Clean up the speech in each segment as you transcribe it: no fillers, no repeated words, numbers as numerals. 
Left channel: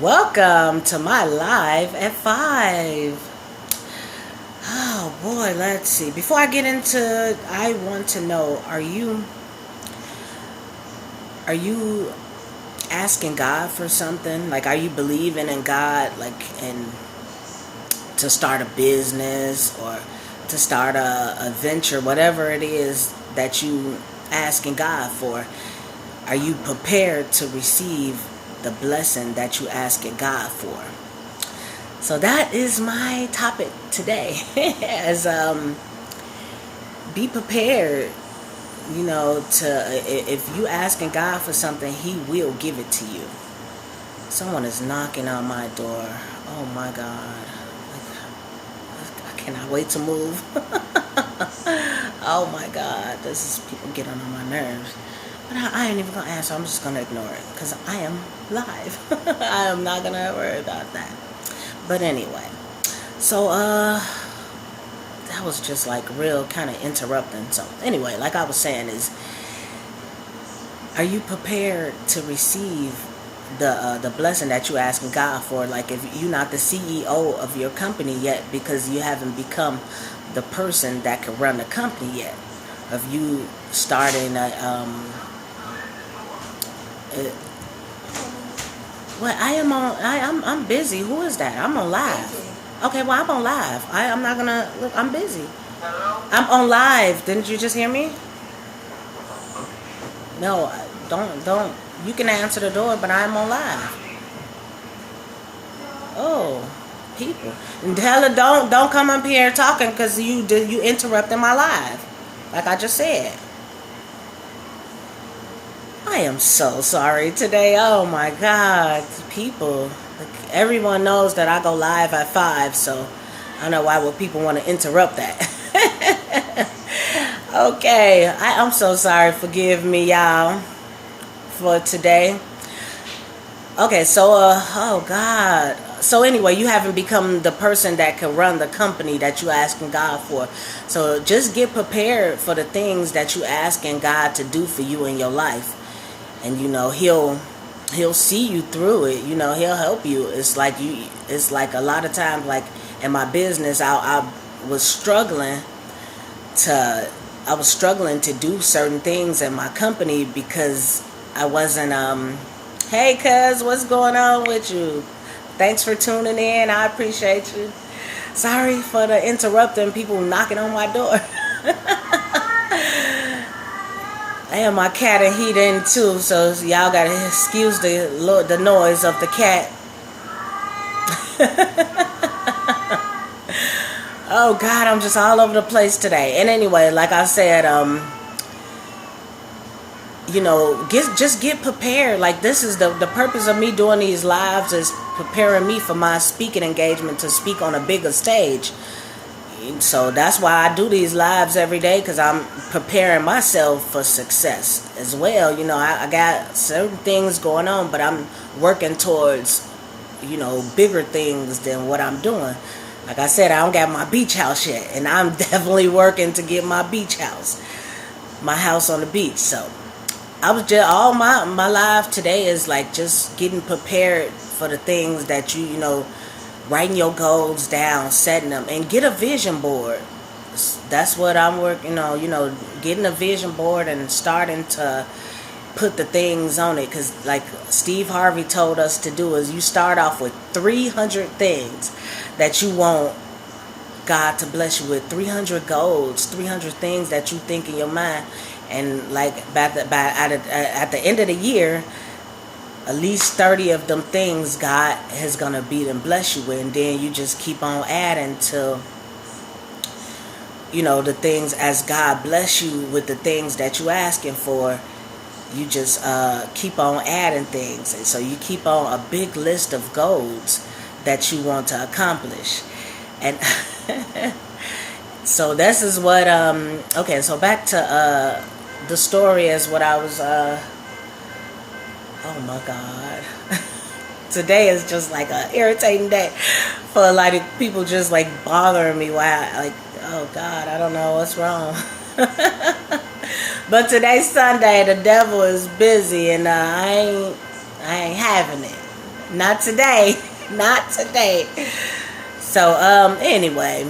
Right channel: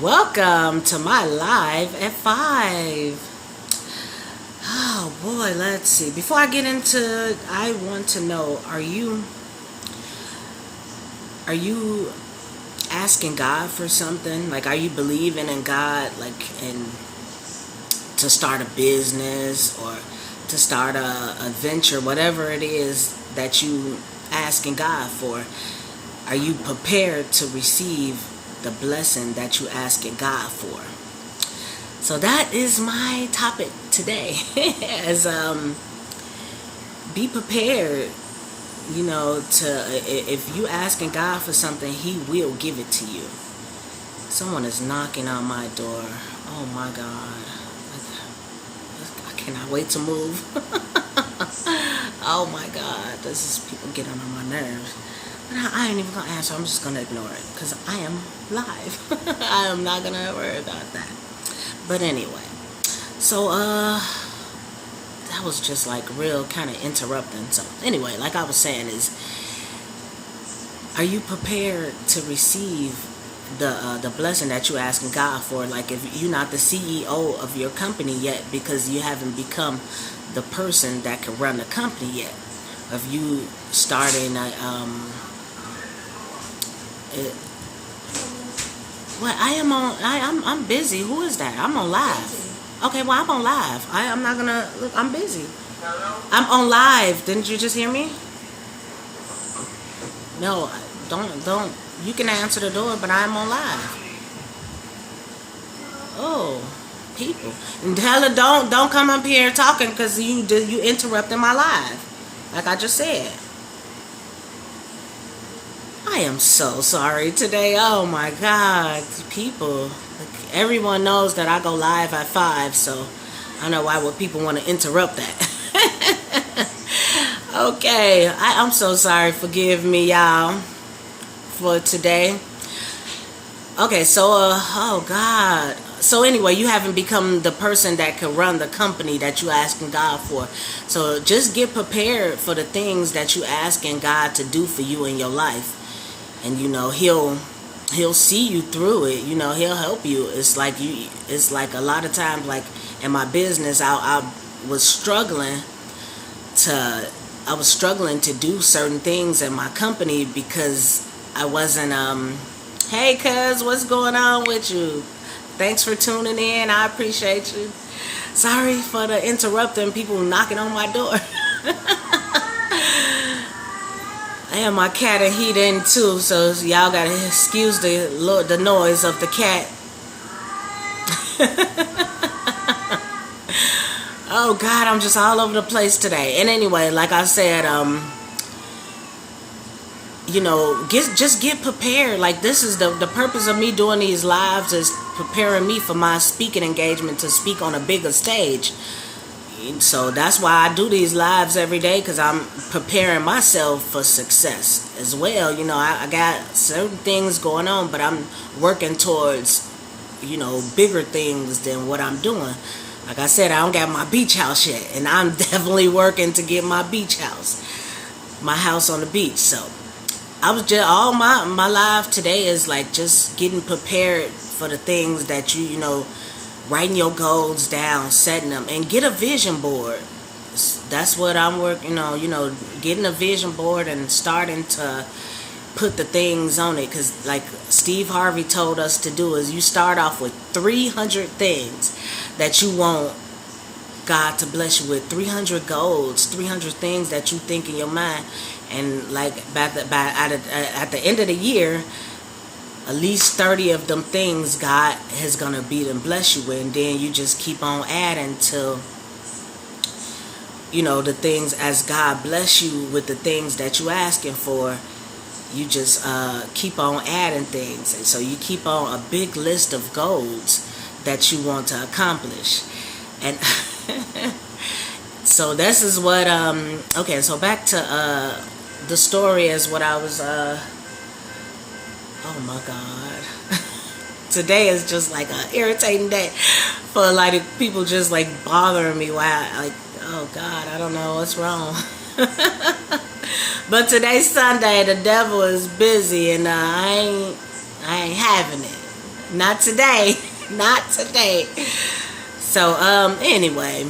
Welcome to my live at 5. Oh boy, let's see. Before I get into it, I want to know, are you asking God for something? Like, are you believing in God, like, and to start a business or to start a venture, whatever it is that you asking God for? Are you prepared to receive the blessing that you asking God for? So that is my topic today. As Be prepared. If you asking God for something, He will give it to you. Someone is knocking on my door. Oh my God! I cannot wait to move. Oh my God! This is people getting on my nerves. But I ain't even gonna answer. I'm just gonna ignore it because I am live. I am not gonna worry about that. But anyway, so that was just like real kind of interrupting. So anyway, like I was saying, is are you prepared to receive the blessing that you're asking God for? Like, if you're not the CEO of your company yet, because you haven't become the person that can run the company yet. Of you starting I'm busy. Who is that? I'm on live. Okay, well, I'm on live. I'm not gonna look. I'm busy. I'm on live. Didn't you just hear me? No, don't. You can answer the door, but I'm on live. Oh, people. And tell her don't come up here talking because you interrupted my live. Like I just said. I am so sorry today. Oh my God, people. Everyone knows that I go live at 5, so I don't know why would people want to interrupt that. Okay, I'm so sorry. Forgive me, y'all, for today. Okay, so oh God. So anyway, you haven't become the person that can run the company that you're asking God for. So just get prepared for the things that you're asking God to do for you in your life. And he'll see you through it. He'll help you. It's like a lot of times, like in my business, I was struggling to do certain things in my company because I wasn't hey cuz, what's going on with you? Thanks for tuning in. I appreciate you. Sorry for the interrupting, people knocking on my door. And my cat and he in too, so y'all gotta excuse the noise of the cat. Oh God, I'm just all over the place today. And anyway, like I said, just get prepared. Like, this is the purpose of me doing these lives, is preparing me for my speaking engagement to speak on a bigger stage. So that's why I do these lives every day, because I'm preparing myself for success as well. I got certain things going on, but I'm working towards, bigger things than what I'm doing. Like I said, I don't got my beach house yet, and I'm definitely working to get my beach house, my house on the beach. So I was just, all my life today is like just getting prepared for the things that writing your goals down, setting them, and get a vision board. That's what I'm working on, getting a vision board and starting to put the things on it. Because like Steve Harvey told us to do, is you start off with 300 things that you want God to bless you with, 300 goals, 300 things that you think in your mind. And like at the end of the year, at least 30 of them things God is going to beat and bless you with. And then you just keep on adding to, the things as God bless you with the things that you're asking for. You just keep on adding things. And so you keep on a big list of goals that you want to accomplish. And so this is what, okay, so back to the story as what I was, oh my God. Today is just like an irritating day for a lot of people, just like bothering me. Why? Like, oh God, I don't know what's wrong. But today's Sunday, the devil is busy, and I ain't having it. Not today. Not today. So, anyway.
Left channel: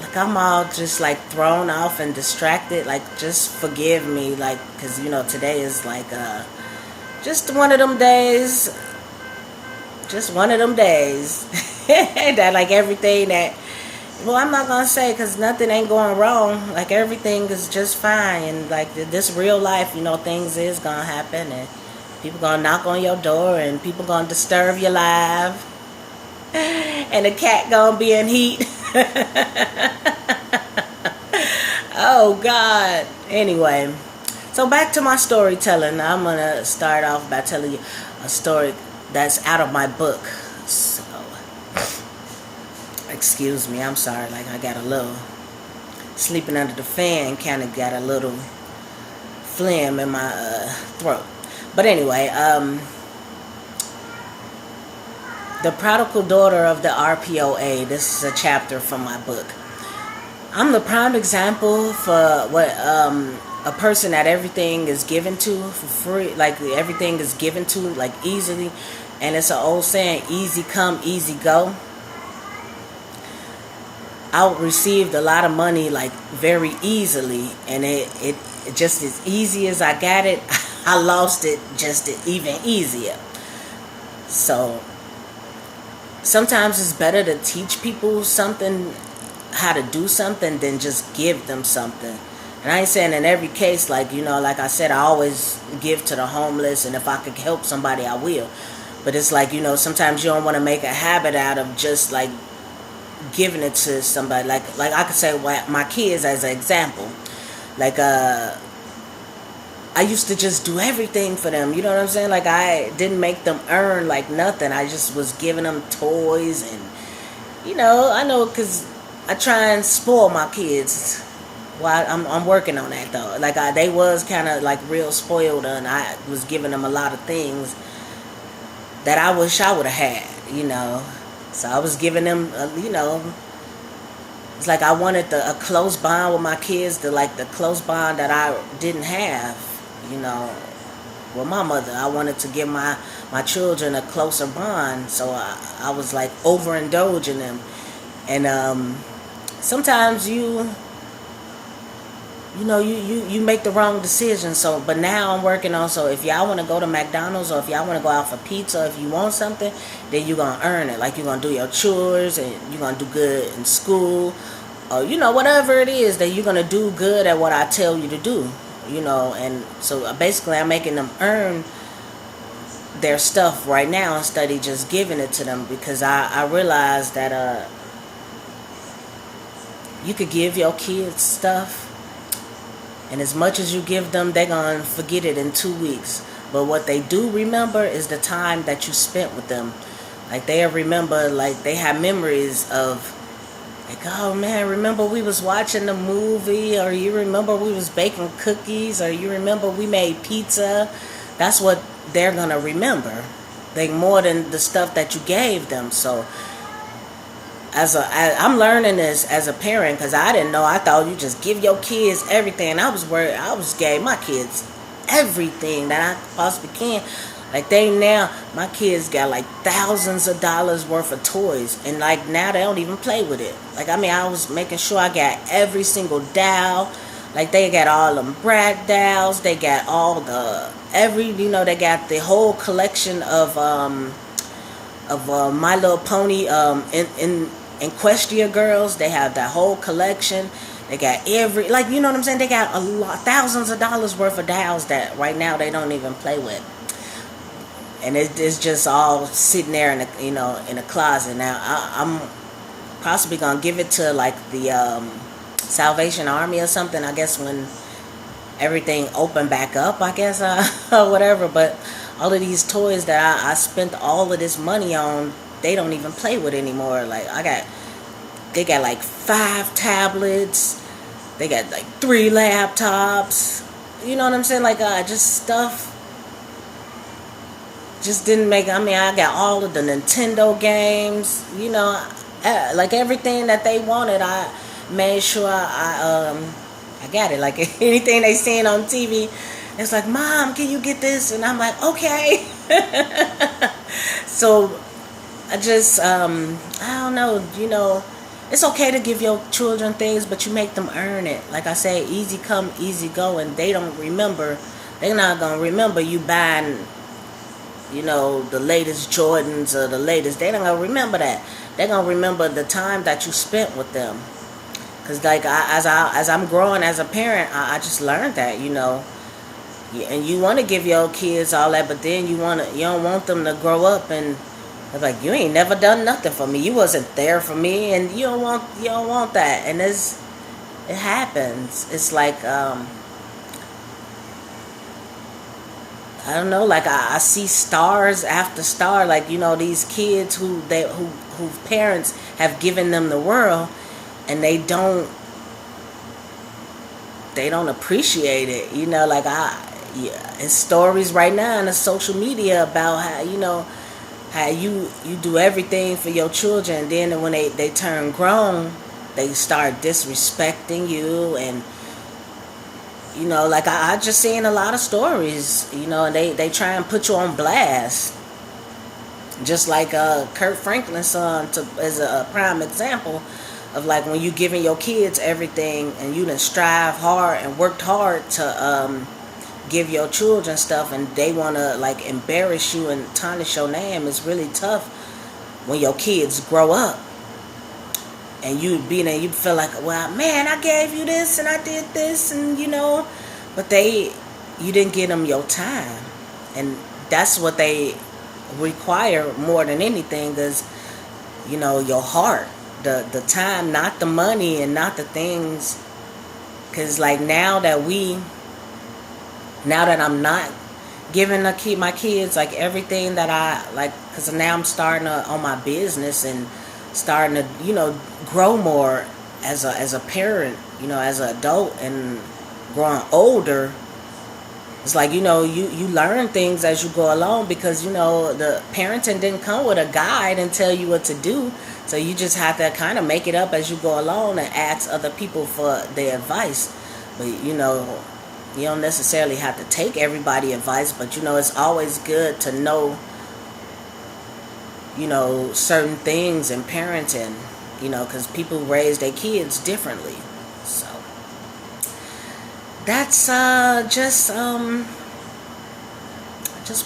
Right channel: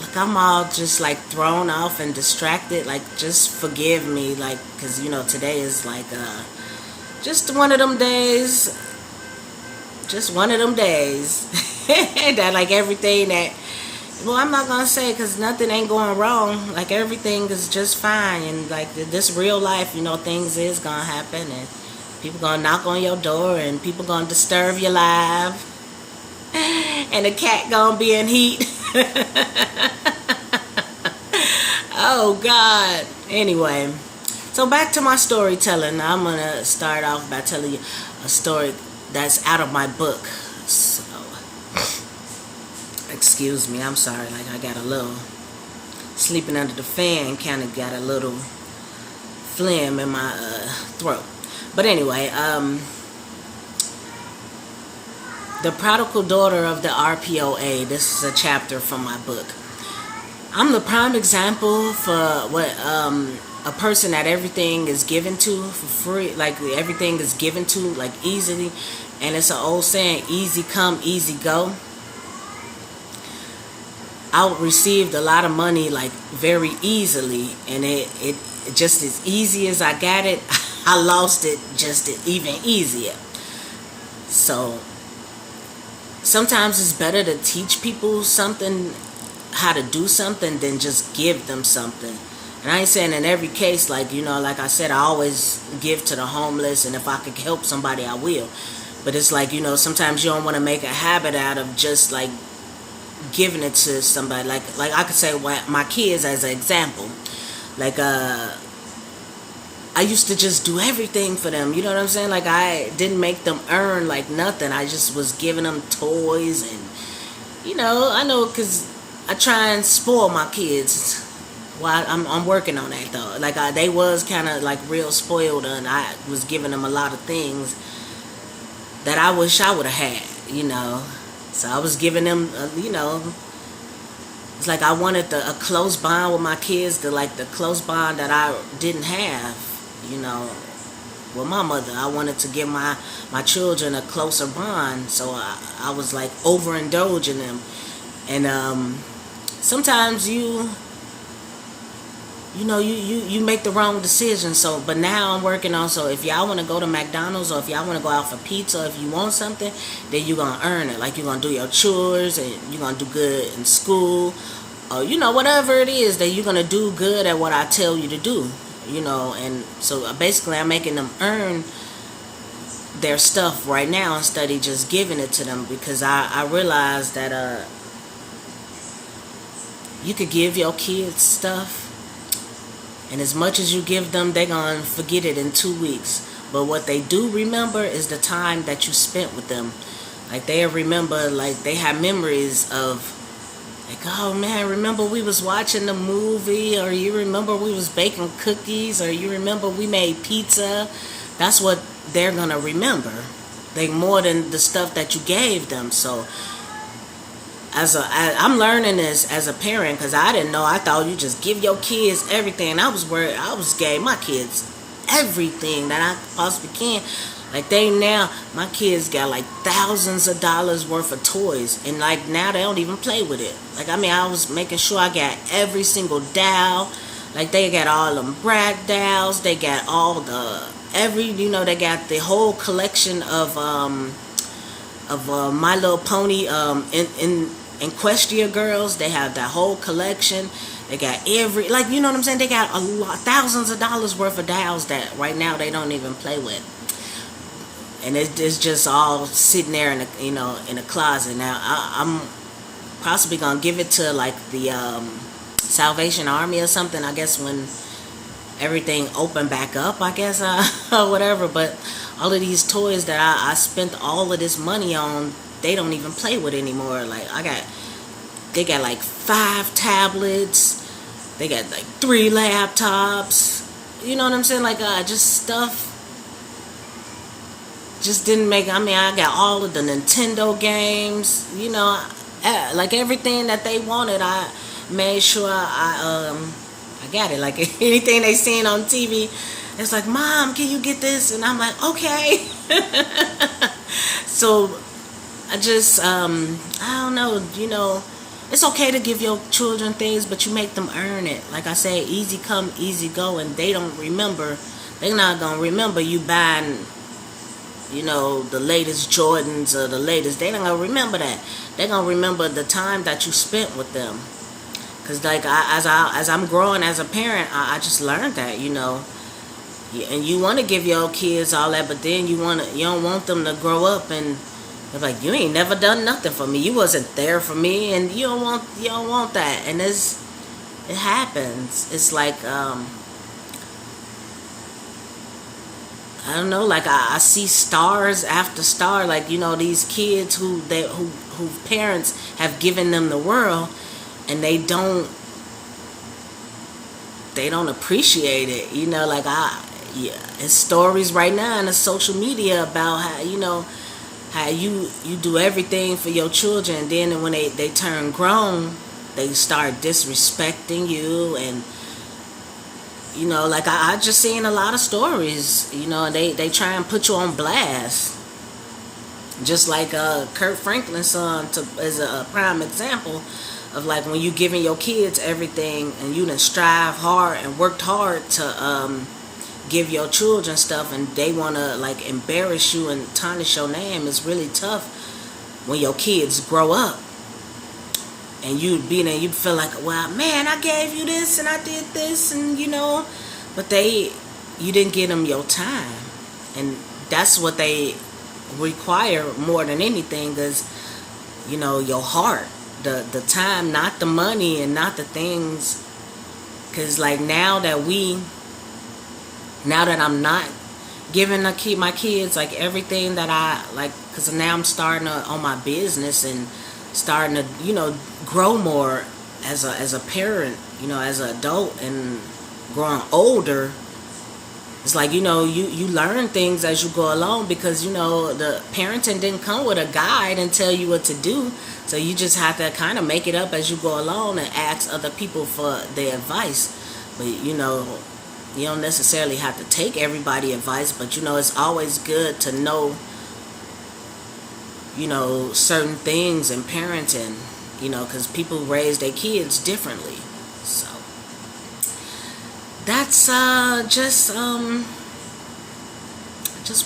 Like, I'm all just, like, thrown off and distracted. Like, just forgive me. Like, because, today is, like, just one of them days. Just one of them days. That, like, everything that... Well, I'm not going to say because nothing ain't going wrong. Like, everything is just fine. And, like, this real life, things is going to happen. And people going to knock on your door. And people going to disturb your life. And the cat going to be in heat. Oh, God. Anyway. So, back to my storytelling. I'm going to start off by telling you a story that's out of my book. So... Excuse me, I'm sorry, like I got a little sleeping under the fan, kind of got a little phlegm in my throat. But anyway, The Prodigal Daughter of the RPOA, this is a chapter from my book. I'm the prime example for what a person that everything is given to for free, like everything is given to, like easily, and it's an old saying, easy come, easy go. I received a lot of money like very easily, and it just as easy as I got it, I lost it just even easier. So sometimes it's better to teach people something, how to do something, than just give them something. And I ain't saying in every case, like, like I said, I always give to the homeless, and if I could help somebody, I will. But it's like, sometimes you don't want to make a habit out of just like giving it to somebody. Like I could say my kids as an example. Like I used to just do everything for them. You know what I'm saying? Like I didn't make them earn like nothing. I just was giving them toys and I know because I try and spoil my kids. Well, I'm working on that though. Like they was kind of like real spoiled, and I was giving them a lot of things that I wish I would have had. So I was giving them, it's like I wanted a close bond with my kids, the close bond that I didn't have, with my mother. I wanted to give my children a closer bond, so I was like overindulging them. And sometimes you make the wrong decision. So, but now I'm working on, so if y'all want to go to McDonald's, or if y'all want to go out for pizza, if you want something, then you're going to earn it. Like you're going to do your chores, and you're going to do good in school, or, whatever it is, that you're going to do good at what I tell you to do, and so basically I'm making them earn their stuff right now instead of just giving it to them, because I realize that you could give your kids stuff, and as much as you give them, they're going to forget it in 2 weeks. But what they do remember is the time that you spent with them. Like, they'll remember, like, they have memories of, like, oh, man, remember we was watching the movie, or you remember we was baking cookies, or you remember we made pizza. That's what they're going to remember. They more than the stuff that you gave them. So I'm learning this as a parent, because I didn't know. I thought you just give your kids everything. I was worried. I was gave my kids everything that I possibly can. Like my kids got like thousands of dollars worth of toys, and like now they don't even play with it. Like I was making sure I got every single doll. Like they got all them Brat dolls. They got all they got the whole collection of My Little Pony in Equestria Girls. They have that whole collection. They got you know what I'm saying? They got thousands of dollars worth of dolls that right now they don't even play with. And it's just all sitting there in a closet. Now I'm possibly gonna give it to like the Salvation Army or something, I guess, when everything opened back up, I guess, or whatever. But all of these toys that I spent all of this money on, they don't even play with anymore. Like they got like 5 tablets, they got like 3 laptops, you know what I'm saying? Like just stuff just didn't make. I got all of the Nintendo games, like everything that they wanted. I made sure I got it. Like anything they seen on TV It's like, Mom, can you get this? And I'm like, okay. So I just, I don't know, it's okay to give your children things, but you make them earn it. Like I say, easy come, easy go, and they don't remember. They're not going to remember you buying, the latest Jordans or the latest. They're not going to remember that. They're going to remember the time that you spent with them. Because, like, as I'm growing as a parent, I just learned that, and you want to give your kids all that, but then you don't want them to grow up and they're like, you ain't never done nothing for me. You wasn't there for me, and you don't want that. And it happens. It's like I don't know, like I see stars after star, like these kids who parents have given them the world, and they don't appreciate it. Like it's stories right now in the social media about how you do everything for your children, and then when they turn grown, they start disrespecting you, and like I just seen a lot of stories, and they try and put you on blast, just like Kurt Franklin's son as a prime example of, like, when you giving your kids everything and you done strive hard and worked hard to give your children stuff, and they want to, like, embarrass you and tarnish your name. It's really tough when your kids grow up and you feel like, well, man, I gave you this and I did this, and but you didn't give them your time, and that's what they require more than anything is your heart, the time, not the money and not the things. Because, like, now that I'm not giving my kids, like, everything that I like, because now I'm starting on my business and starting to grow more as a parent, as an adult, and growing older. It's like you learn things as you go along, because the parenting didn't come with a guide and tell you what to do, so you just have to kind of make it up as you go along and ask other people for their advice. But you don't necessarily have to take everybody's advice, but it's always good to know certain things in parenting, because people raise their kids differently. So that's just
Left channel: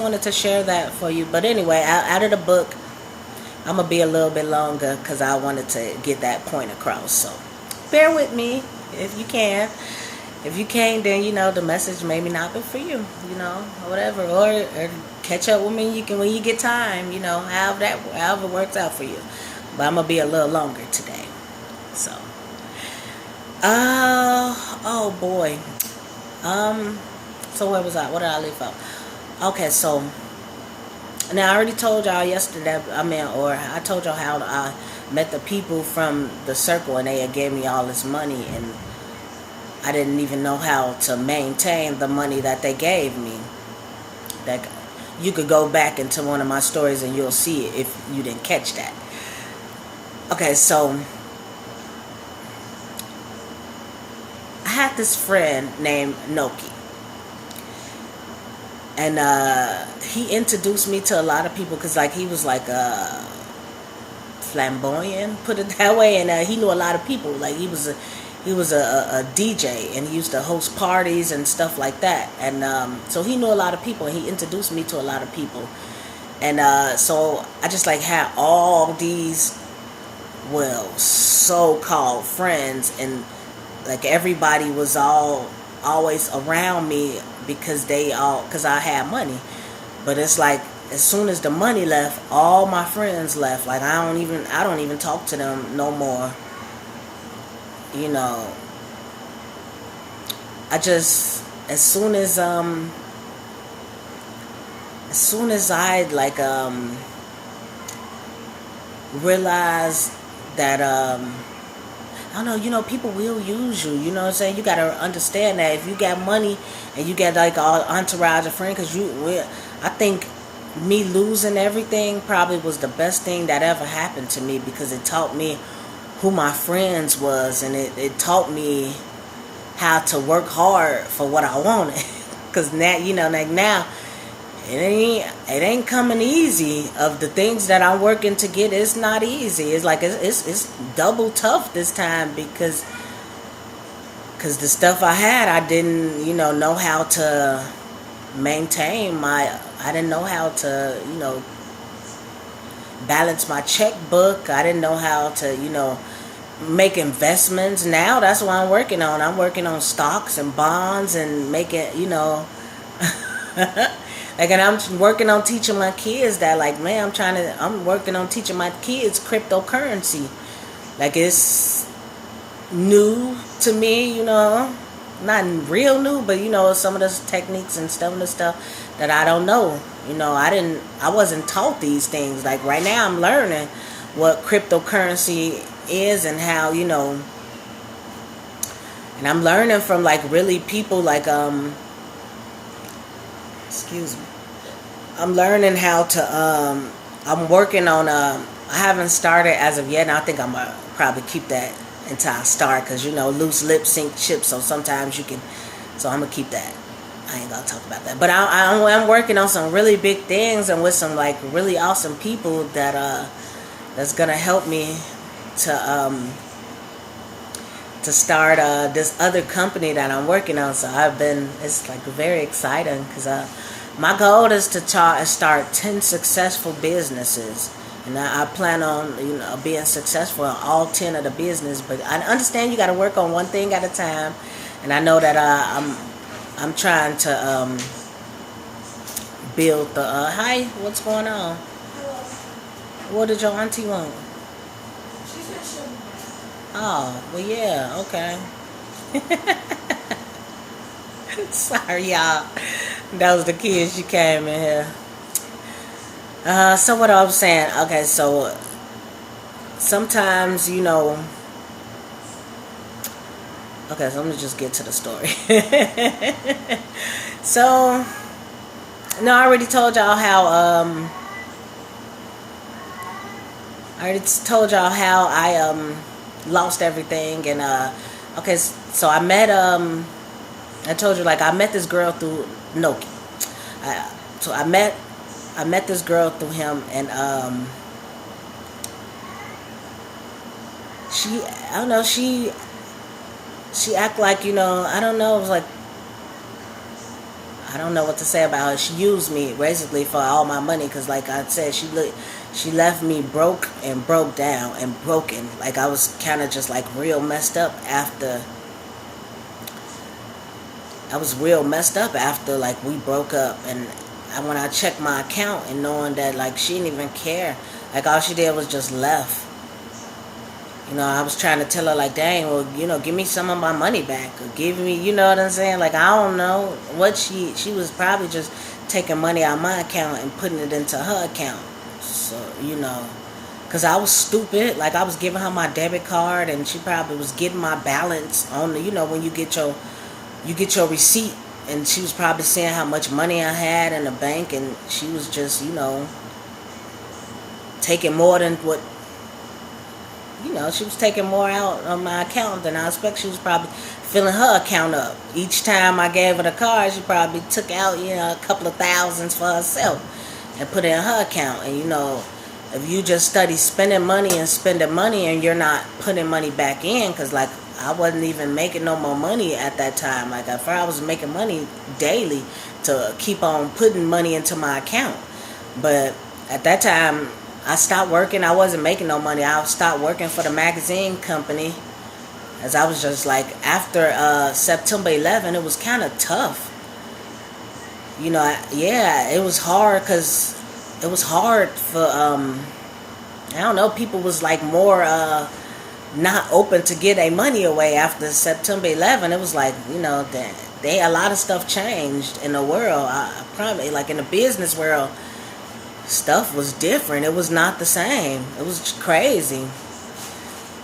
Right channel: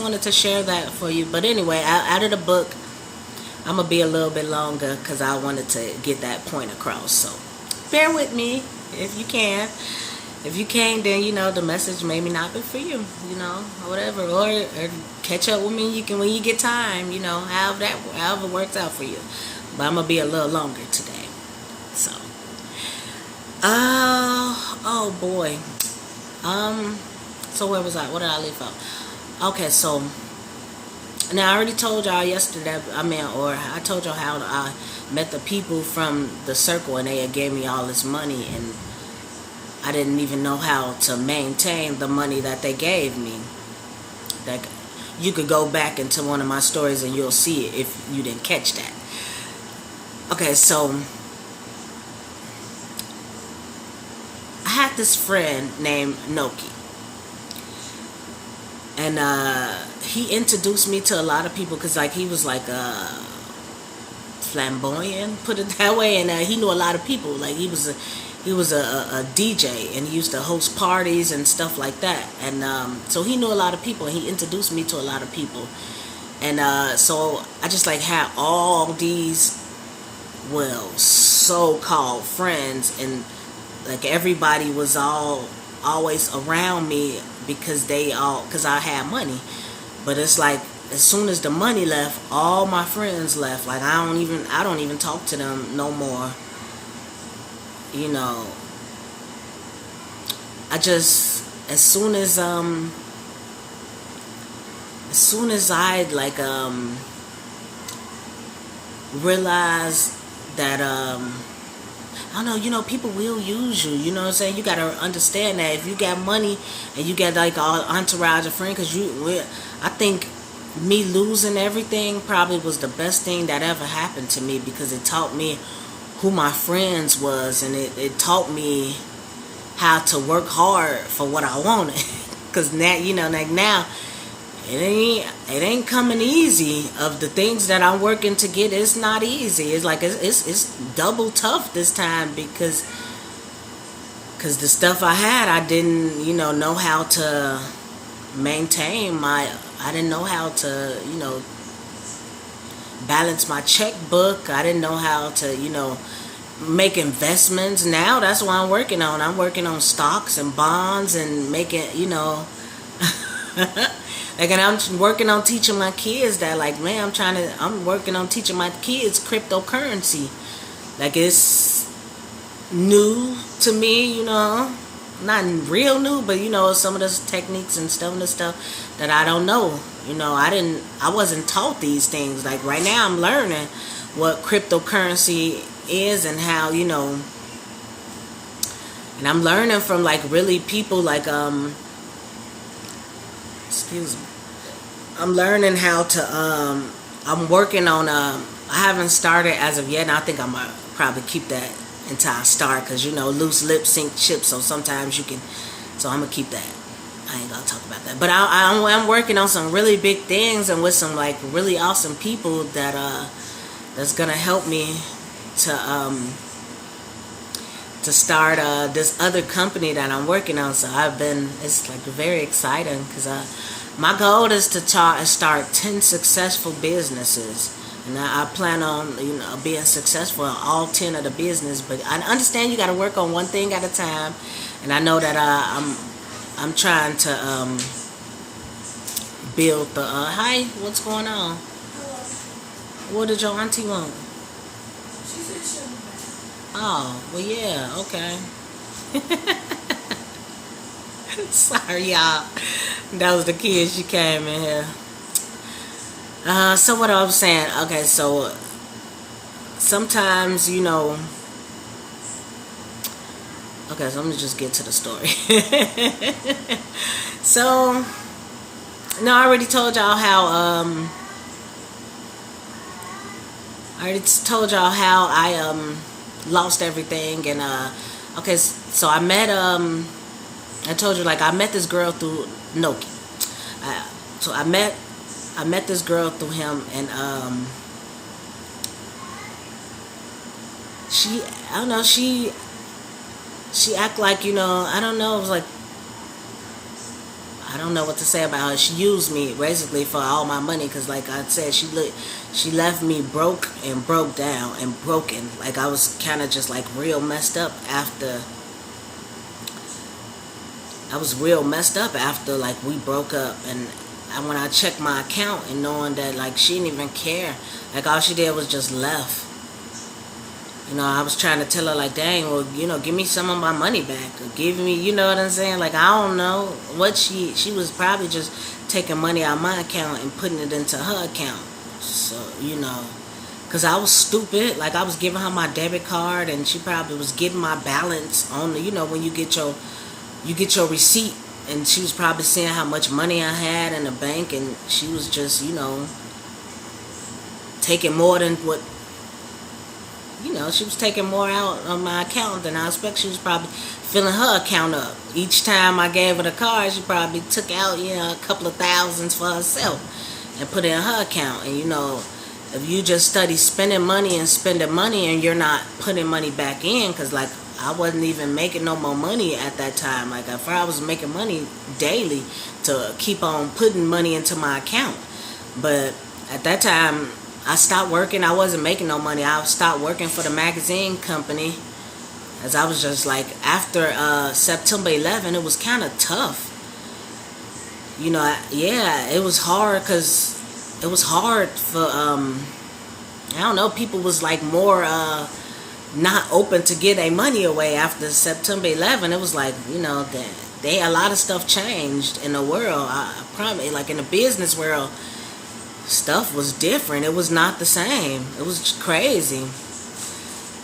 wanted to share that for you. But anyway, out of the book, I'm gonna be a little bit longer because I wanted to get that point across. So bear with me if you can. If you can't, then the message maybe not be for you, or whatever, or catch up with me. You can when you get time, however it works out for you. But I'm gonna be a little longer today. So, oh boy, so where was I? What did I leave out? Okay, so now I already told y'all yesterday. I told y'all how I met the people from the circle, and they gave me all this money, and I didn't even know how to maintain the money that they gave me. That you could go back into one of my stories and you'll see it if you didn't catch that. Okay, so I had this friend named Noki, and he introduced me to a lot of people because, like, he was like flamboyant, put it that way, and he knew a lot of people. Like, he was a DJ, and he used to host parties and stuff like that, and so he knew a lot of people, and he introduced me to a lot of people, and so I just like had all these so-called friends, and like everybody was always around me because I had money. But it's like as soon as the money left, all my friends left. Like I don't even talk to them no more. I just as soon as I like realized that I don't know, people will use you, you know what I'm saying? You gotta understand that if you got money and you got like all entourage of friends, because I think me losing everything probably was the best thing that ever happened to me, because it taught me who my friends was, and it taught me how to work hard for what I wanted. Cause now, like now, it ain't coming easy. Of the things that I'm working to get, it's not easy. It's like it's double tough this time because the stuff I had, I didn't know how to maintain I didn't know how to balance my checkbook. I didn't know how to make investments. Now that's what I'm working on. I'm working on stocks and bonds and making like, and I'm working on teaching my kids that, like, man, I'm working on teaching my kids cryptocurrency. Like, it's new to me, not real new, but some of the techniques and some of the stuff that I don't know. I wasn't taught these things. Like, right now I'm learning what cryptocurrency is and how, and I'm learning from, like, really people like excuse me. I'm learning how to I'm working on I haven't started as of yet, and I think I'm gonna probably keep that until I start, because loose lips sink ships, so sometimes you can, so I'm gonna keep that. I ain't gonna talk about that, but I'm working on some really big things and with some, like, really awesome people that that's gonna help me to start this other company that I'm working on. So it's like very exciting, because my goal is to start 10 successful businesses. And I plan on being successful in all 10 of the business. But I understand you got to work on one thing at a time. And I know that I'm trying to build the... hi, what's going on? What did your auntie want? She said she'll be back. Oh, well, yeah, okay. Sorry, y'all. That was the kid. She came in here. So what I was saying, okay, so sometimes, okay, so let me just get to the story. So, no, I already told y'all how, I lost everything, and, okay, so I met, I told you, like, I met this girl through Noki. So I met this girl through him, and she act like, I don't know, it was like, I don't know what to say about her. She used me basically for all my money, because, like I said, she left me broke and broke down and broken. Like, I was kind of just, like, real messed up after. I was real messed up after, like, we broke up. And when I checked my account and knowing that, like, she didn't even care. Like, all she did was just left. I was trying to tell her, like, dang, well, give me some of my money back. Or give me, you know what I'm saying? Like, I don't know what she was probably just taking money out of my account and putting it into her account. So, because I was stupid. Like, I was giving her my debit card, and she probably was getting my balance on the, when you get your receipt, and she was probably seeing how much money I had in the bank, and she was just, taking more than what, she was taking more out of my account than I expect. She was probably filling her account up. Each time I gave her the card, she probably took out, a couple of thousands for herself and put it in her account. And, if you just study spending money and you're not putting money back in, because, like, I wasn't even making no more money at that time. Like, if I was making money daily to keep on putting money into my account. But at that time, I stopped working. I wasn't making no money. I stopped working for the magazine company, as I was just, like, after September 11, it was kind of tough. It was hard, because it was hard for, I don't know, people was, like, more... not open to get their money away after September 11. It was like, a lot of stuff changed in the world. I probably, like, in the business world, stuff was different. It was not the same. It was crazy.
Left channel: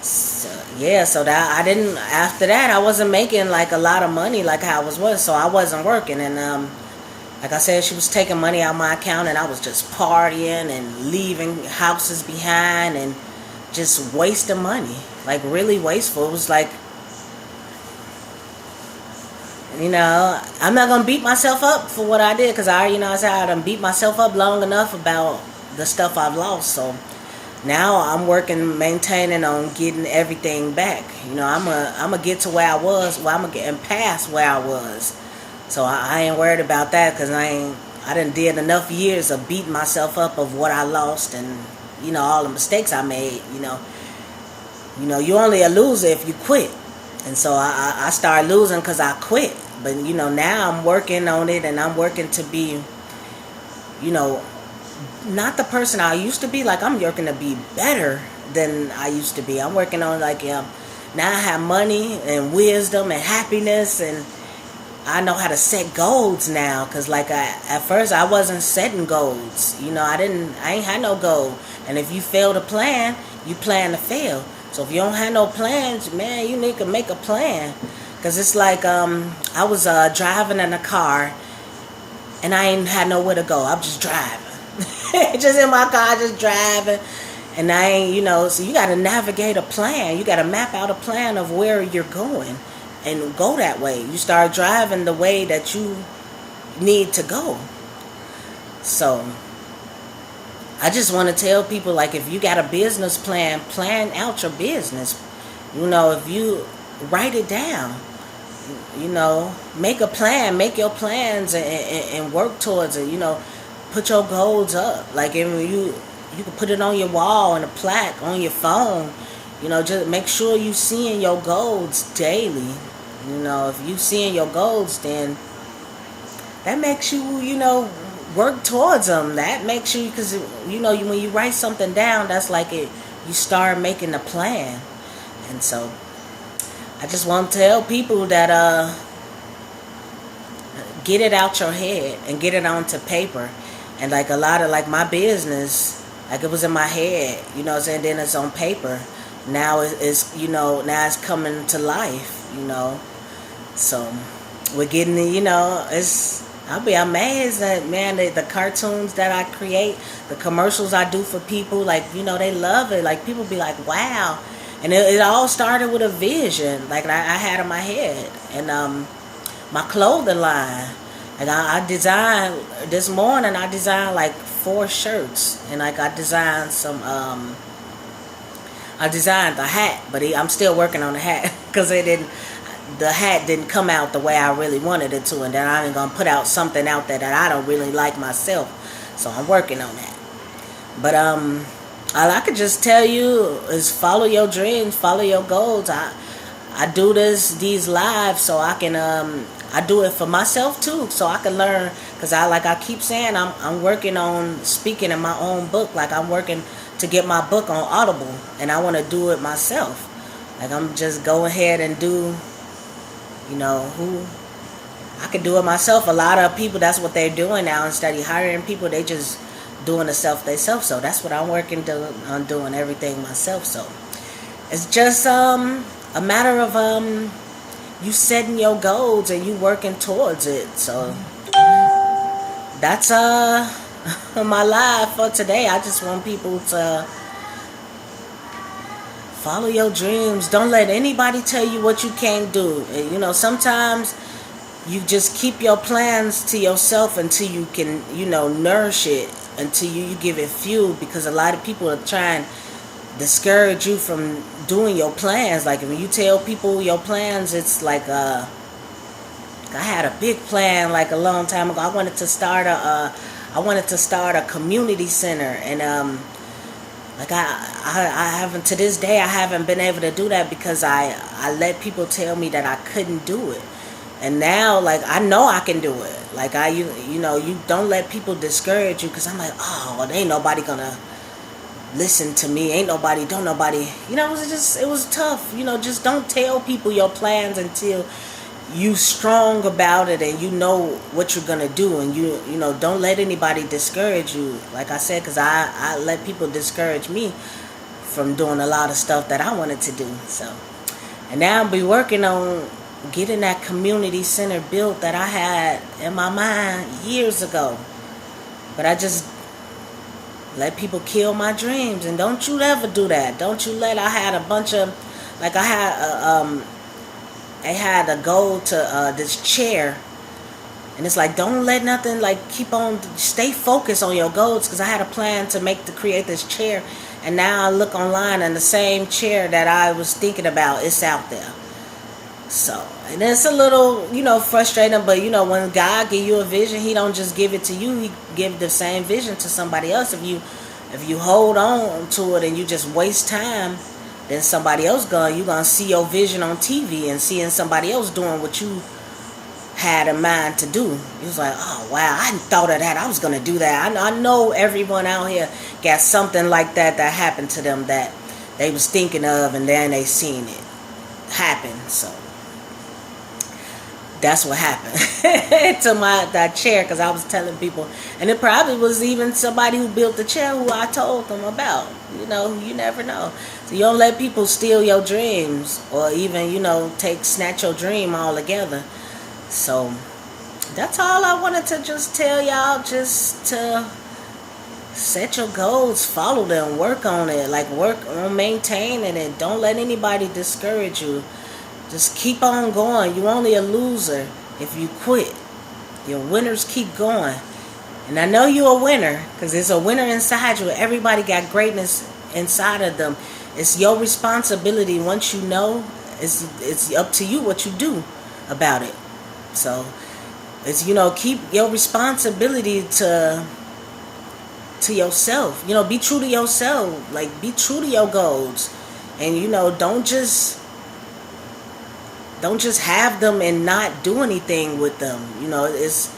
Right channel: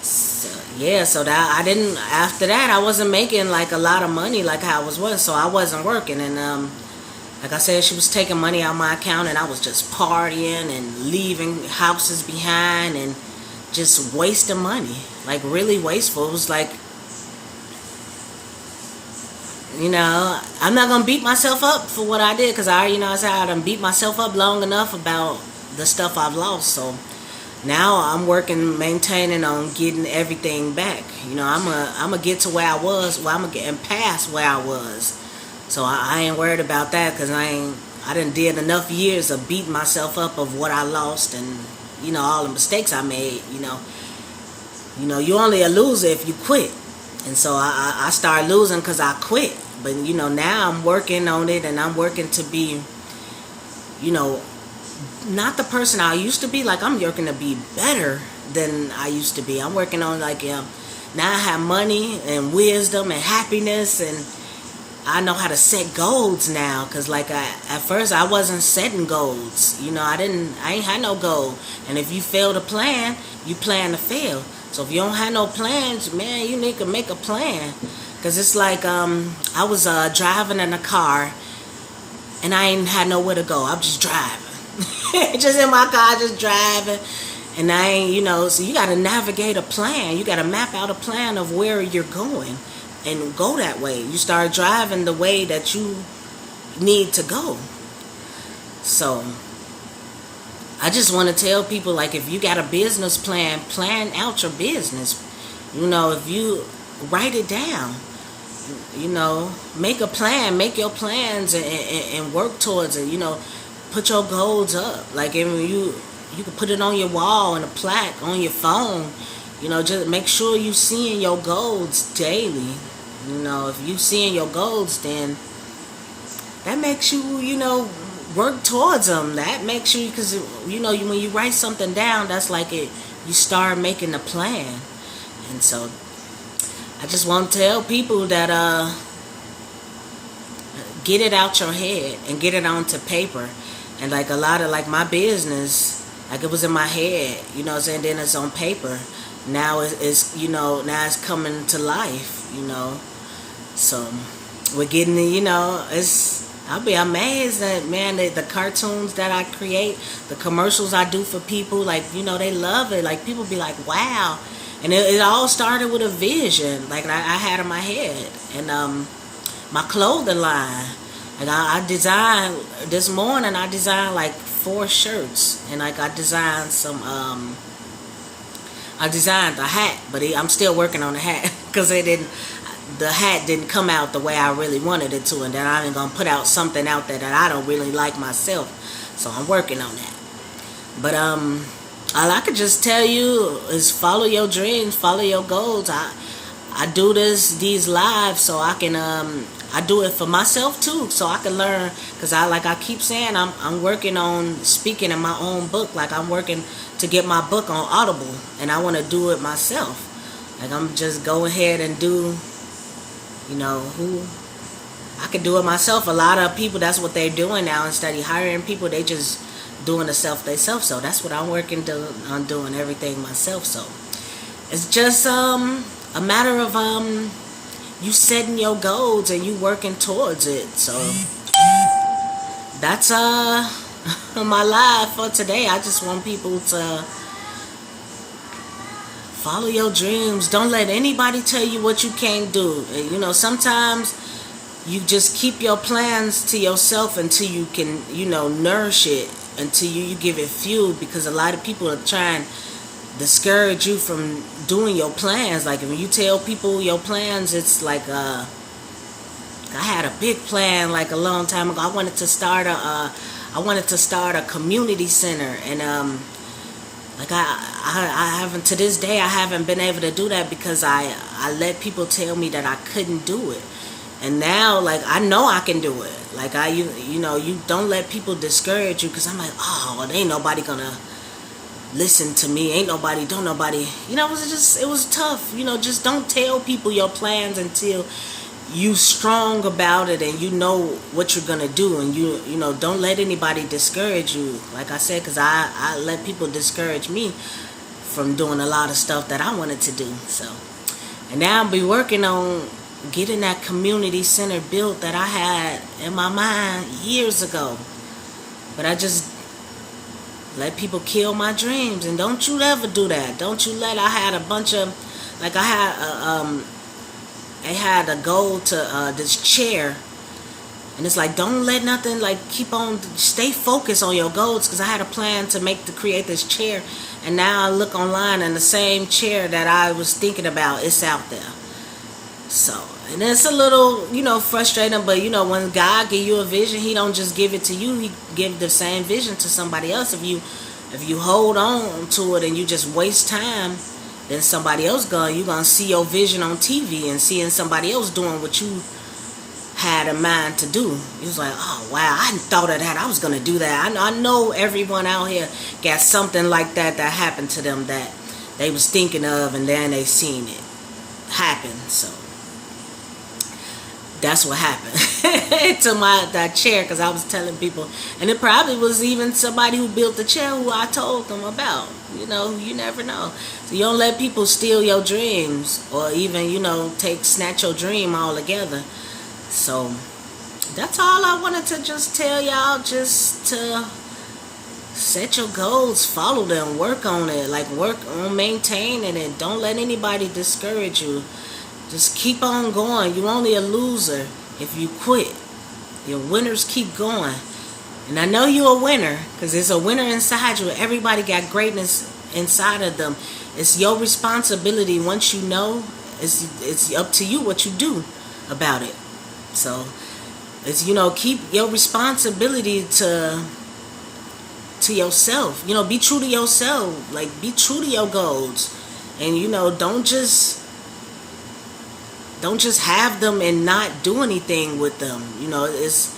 So that I didn't, after that, I wasn't making, like, a lot of money like how I was, so I wasn't working. And like I said, she was taking money out of my account, and I was just partying and leaving houses behind and just wasting money, like, really wasteful. It was like, You know, I'm not gonna beat myself up for what I did because I said I done beat myself up long enough about the stuff I've lost. So now I'm working, maintaining on getting everything back. I'm gonna get to where I was. Well, I'm gonna get past where I was. So I ain't worried about that because I done did enough years of beating myself up of what I lost and all the mistakes I made. You only a loser if you quit. And so I started losing because I quit. But, now I'm working on it and I'm working to be, not the person I used to be. Like, I'm working to be better than I used to be. I'm working on, now I have money and wisdom and happiness and I know how to set goals now. Because, at first I wasn't setting goals. I ain't had no goal. And if you fail to plan, you plan to fail. So if you don't have no plans, man, you need to make a plan. Because it's like I was driving in a car and I ain't had nowhere to go. I'm just driving. Just in my car, just driving. And I ain't, so you got to navigate a plan. You got to map out a plan of where you're going and go that way. You start driving the way that you need to go. So I just want to tell people, if you got a business plan, plan out your business. If you write it down, make a plan, make your plans and work towards it. Put your goals up. You can put it on your wall and a plaque on your phone. Just make sure you seeing your goals daily. If you seeing your goals, then that makes you, work towards them. That makes you, because when you write something down, that's you start making a plan. And so I just want to tell people that get it out your head and get it onto paper. And a lot of my business, it was in my head, and then it's on paper. Now it's now it's coming to life, So we're getting I'll be amazed that, man, the cartoons that I create, the commercials I do for people, they love it. People be like, wow. And it all started with a vision, I had in my head. And my clothing line, I designed, this morning I designed 4 shirts. And I designed I designed a hat, but I'm still working on the hat because the hat didn't come out the way I really wanted it to, and then I'm going to put out something out there that I don't really like myself. So I'm working on that. But all I could just tell you is follow your dreams, follow your goals. I do these lives so I can I do it for myself too, so I can learn. Because I keep saying, I'm working on speaking in my own book. I'm working to get my book on Audible, and I want to do it myself. I'm just go ahead and do. Who I could do it myself. A lot of people, that's what they're doing now. Instead of hiring people, they just doing the self themselves. So that's what I'm working on, doing everything myself. So it's just a matter of you setting your goals and you working towards it. So that's my live for today. I just want people to follow your dreams. Don't let anybody tell you what you can't do. Sometimes you just keep your plans to yourself until you can, nourish it, until you give it fuel, because a lot of people are trying to discourage you from doing your plans. When you tell people your plans, it's I had a big plan a long time ago. I wanted to start a community center, and I haven't, to this day, I haven't been able to do that because I let people tell me that I couldn't do it. And now, I know I can do it. You don't let people discourage you, because I'm there ain't nobody gonna listen to me. It was tough. Just don't tell people your plans until you strong about it and you know what you're gonna do, and you don't let anybody discourage you, like I said, because I let people discourage me from doing a lot of stuff that I wanted to do. So, and now I'll be working on getting that community center built that I had in my mind years ago, but I just let people kill my dreams. And don't you ever do that. Don't you let, I had a bunch of, I had a goal to this chair. And it's like, don't let nothing, like, stay focused on your goals. Because I had a plan to create this chair. And now I look online and the same chair that I was thinking about, it's out there. So, and it's a little, frustrating. But, when God give you a vision, he don't just give it to you. He give the same vision to somebody else. If you hold on to it and you just waste time, then somebody else you're going to see your vision on TV and seeing somebody else doing what you had in mind to do. It was like, oh wow, I hadn't thought of that. I was gonna do that. I know everyone out here got something like that happened to them that they was thinking of, and then they seen it happen. So that's what happened to that chair, because I was telling people, and it probably was even somebody who built the chair who I told them about. You never know. So you don't let people steal your dreams, or even snatch your dream altogether. So that's all I wanted to just tell y'all, just to set your goals, follow them, work on it, like work on maintaining it. Don't let anybody discourage you. Just keep on going. You're only a loser if you quit. Your winners keep going. And I know you're a winner, because there's a winner inside you. Everybody got greatness inside of them. It's your responsibility. Once you know, it's up to you what you do about it. So it's, keep your responsibility to yourself. Be true to yourself. Like, be true to your goals. And don't just have them and not do anything with them. It's,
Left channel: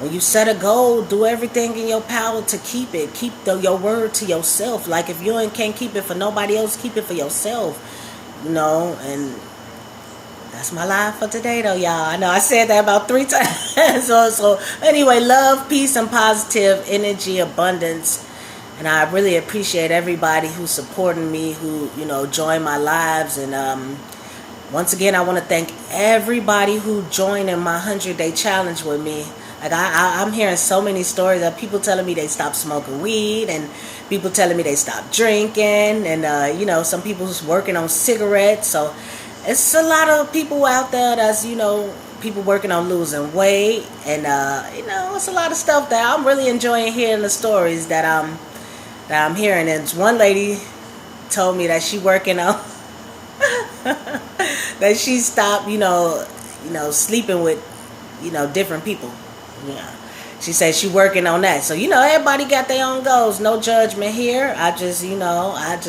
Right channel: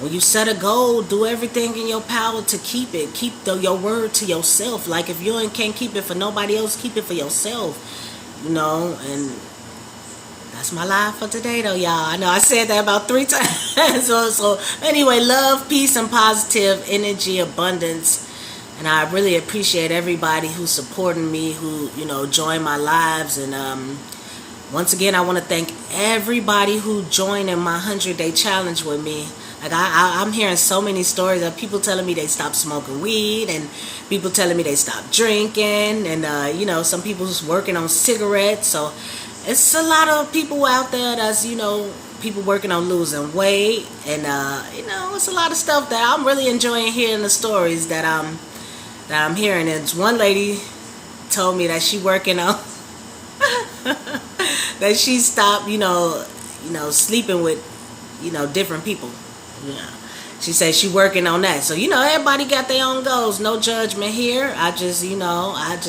when you set a goal, do everything in your power to keep it. Keep your word to yourself. Like, if you can't keep it for nobody else, keep it for yourself. And that's my life for today, though, y'all. I know I said that about 3 times. so anyway, love, peace, and positive energy, abundance. And I really appreciate everybody who's supporting me, who, join my lives. And once again, I want to thank everybody who joined in my 100-day challenge with me. Like, I'm hearing so many stories of people telling me they stopped smoking weed, and people telling me they stopped drinking, and, some people's working on cigarettes. So it's a lot of people out there that's, people working on losing weight. And, it's a lot of stuff that I'm really enjoying hearing the stories that I'm hearing. And one lady told me that she working on, that she stopped, sleeping with, different people. Yeah. She said she working on that. So, everybody got their own goals. No judgment here. I just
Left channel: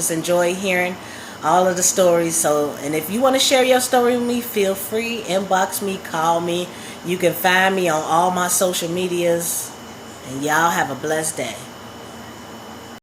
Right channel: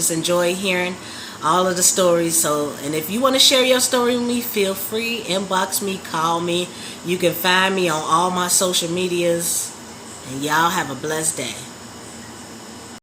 enjoy hearing all of the stories. So, and if you want to share your story with me, feel free. Inbox me, call me. You can find me on all my social medias. And y'all have a blessed day.